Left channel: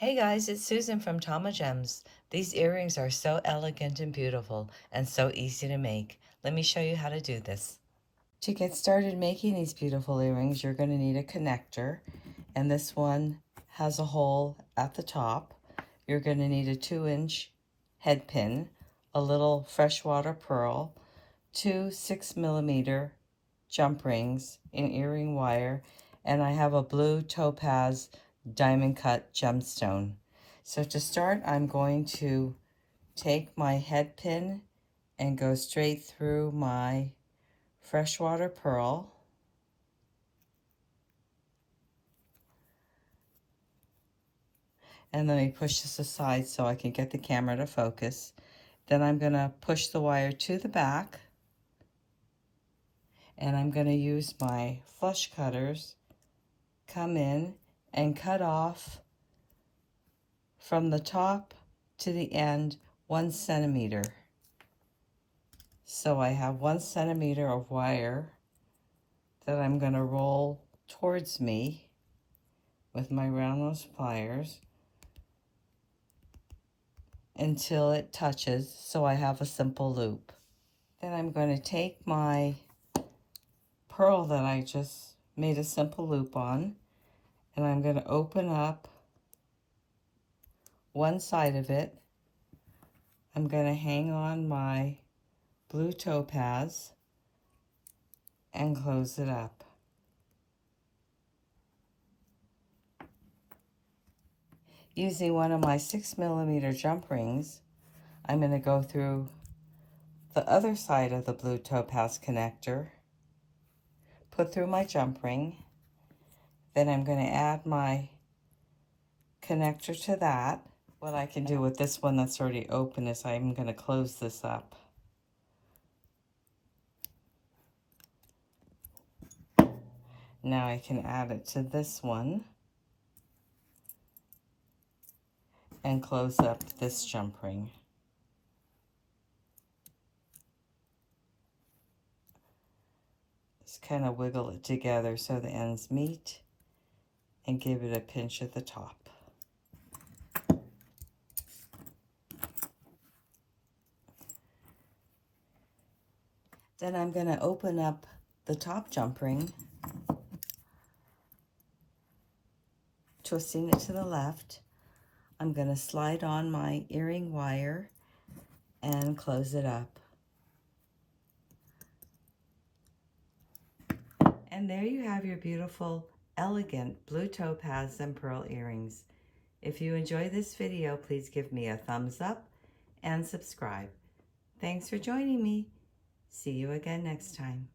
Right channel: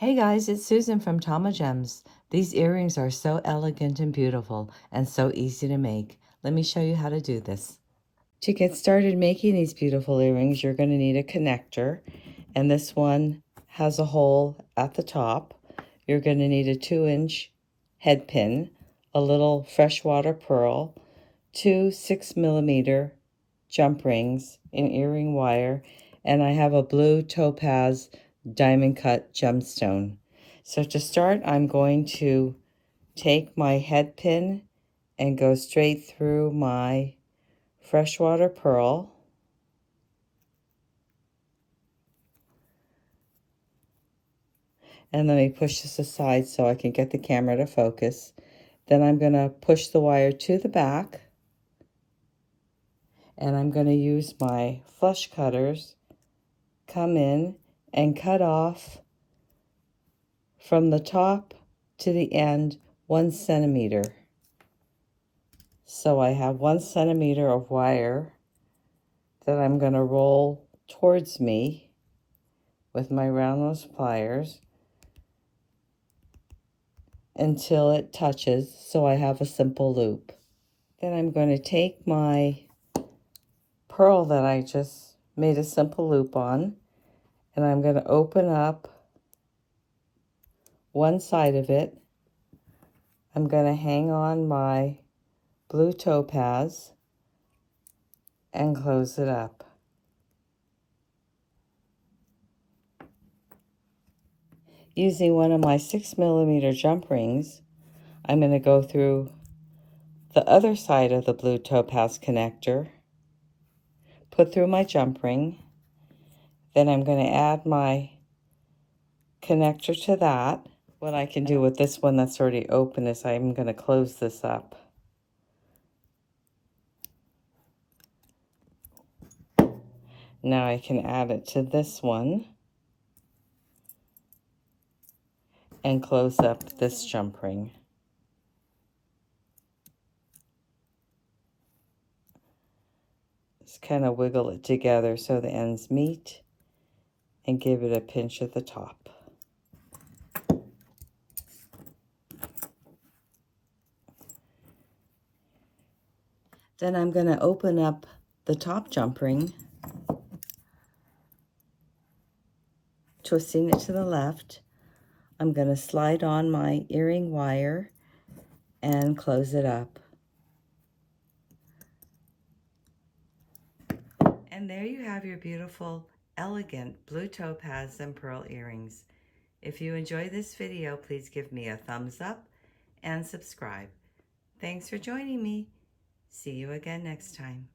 Hey guys, it's Susan from Tamagems. These earrings are so elegant and beautiful and so easy to make. Let me show you how to do this. To get started making these beautiful earrings, you're going to need a connector, and this one has a hole at the top. You're going to need a 2-inch head pin, a little freshwater pearl, 2 6mm jump rings in earring wire, and I have a blue topaz diamond cut gemstone. So to start, I'm going to take my head pin and go straight through my freshwater pearl. And let me push this aside so I can get the camera to focus. Then I'm going to push the wire to the back, and I'm going to use my flush cutters, come in and cut off from the top to the end 1 centimeter. So I have 1 centimeter of wire that I'm going to roll towards me with my round nose pliers until it touches, so I have a simple loop. Then I'm going to take my pearl that I just made a simple loop on, and I'm going to open up one side of it. I'm going to hang on my blue topaz and close it up. Using one of my 6mm jump rings, I'm going to go through the other side of the blue topaz connector, put through my jump ring, then I'm going to add my connector to that. What I can do with this one that's already open is I'm going to close this up. Now I can add it to this one and close up this jump ring. Just kind of wiggle it together so the ends meet and give it a pinch at the top. Then I'm going to open up the top jump ring, twisting it to the left. I'm going to slide on my earring wire and close it up. And there you have your beautiful, elegant blue topaz and pearl earrings. If you enjoyed this video, please give me a thumbs up and subscribe. Thanks for joining me. See you again next time.